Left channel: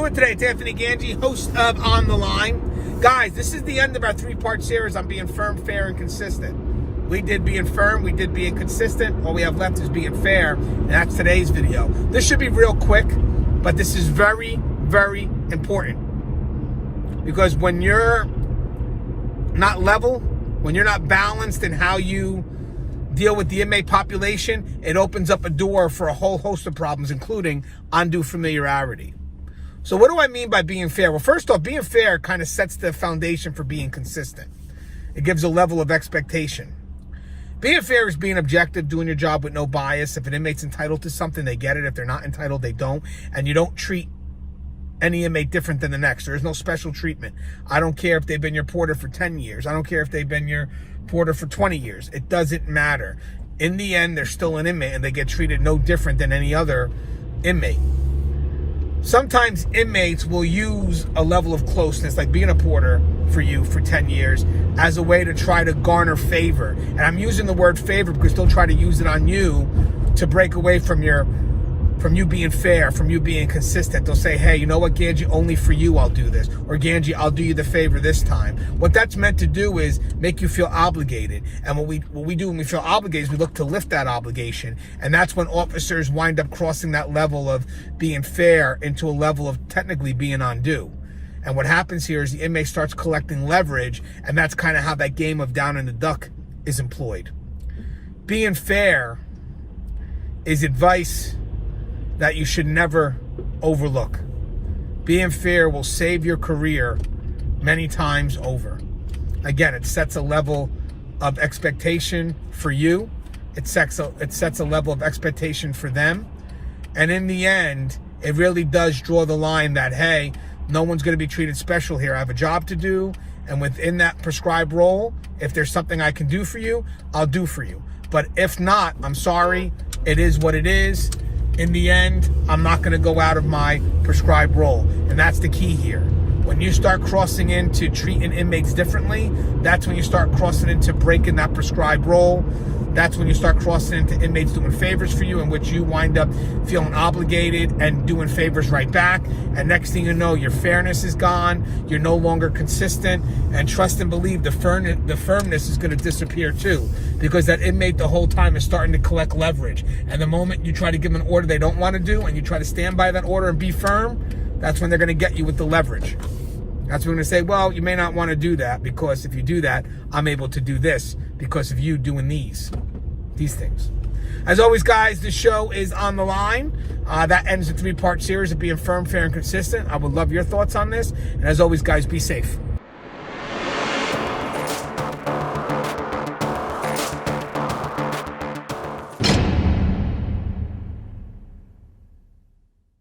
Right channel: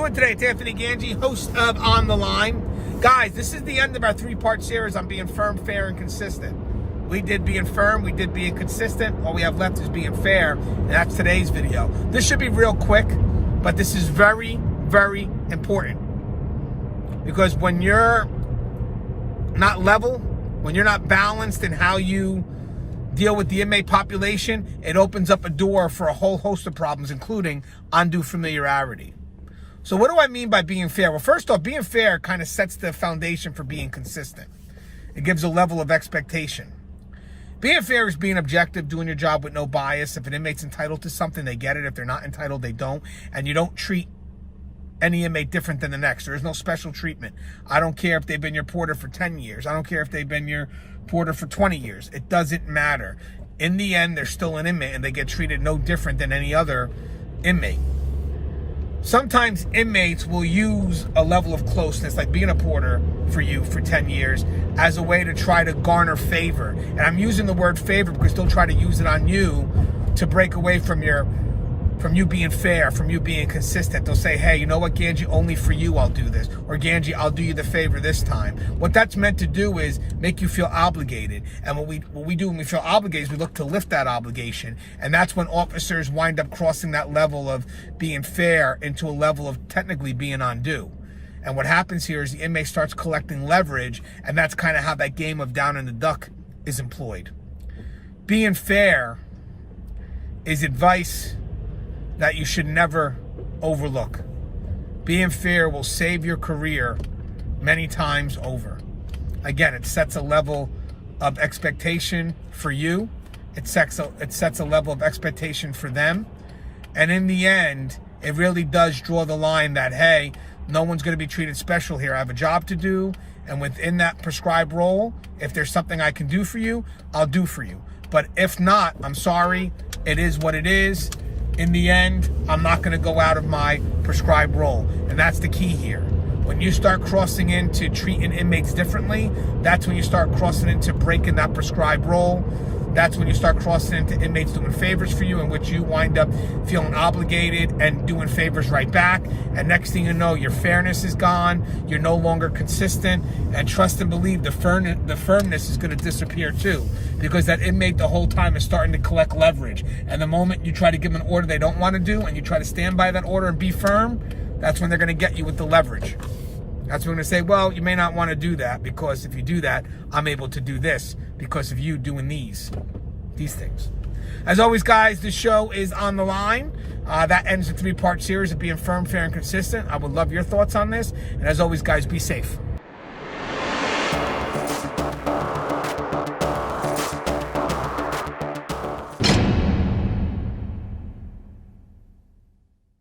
doing today? It's Anthony Gangi, host of On the Line. Guys, this is the end of our three-part series on being firm, fair, and consistent. We did being firm, we did being consistent. All we have left is being fair, and that's today's video. This should be real quick, but this is very, very important. Because when you're not level, when you're not balanced in how you deal with the inmate population, it opens up a door for a whole host of problems, including undue familiarity. So what do I mean by being fair? Well, first off, being fair kind of sets the foundation for being consistent. It gives a level of expectation. Being fair is being objective, doing your job with no bias. If an inmate's entitled to something, they get it. If they're not entitled, they don't. And you don't treat any inmate different than the next. There is no special treatment. I don't care if they've been your porter for 10 years. I don't care if they've been your porter for 20 years. It doesn't matter. In the end, they're still an inmate and they get treated no different than any other inmate. Sometimes inmates will use a level of closeness, like being a porter for you for 10 years, as a way to try to garner favor. And I'm using the word favor because they'll try to use it on you to break away from you being fair, from you being consistent. They'll say, hey, you know what, Gangi, only for you I'll do this. Or Gangi, I'll do you the favor this time. What that's meant to do is make you feel obligated. And what we do when we feel obligated is we look to lift that obligation. And that's when officers wind up crossing that level of being fair into a level of technically being undue. And what happens here is the inmate starts collecting leverage, and that's kind of how that game of down in the duck is employed. Being fair is advice that you should never overlook. Being fair will save your career many times over. Again, it sets a level of expectation for you. It sets a level of expectation for them. And in the end, it really does draw the line that, hey, no one's going to be treated special here. I have a job to do, and within that prescribed role, if there's something I can do for you, I'll do for you. But if not, I'm sorry, it is what it is. In the end, I'm not going to go out of my prescribed role. And that's the key here. When you start crossing into treating inmates differently, that's when you start crossing into breaking that prescribed role. That's when you start crossing into inmates doing favors for you, in which you wind up feeling obligated and doing favors right back. And next thing you know, your fairness is gone. You're no longer consistent. And trust and believe the firmness is going to disappear too, because that inmate the whole time is starting to collect leverage. And the moment you try to give them an order they don't want to do, and you try to stand by that order and be firm, that's when they're going to get you with the leverage. That's when they're going to say, well, you may not want to do that, because if you do that, I'm able to do this because of you doing these things. As always, guys, this show is On the Line. That ends the three-part series of being firm, fair, and consistent. I would love your thoughts on this. And as always, guys, be safe.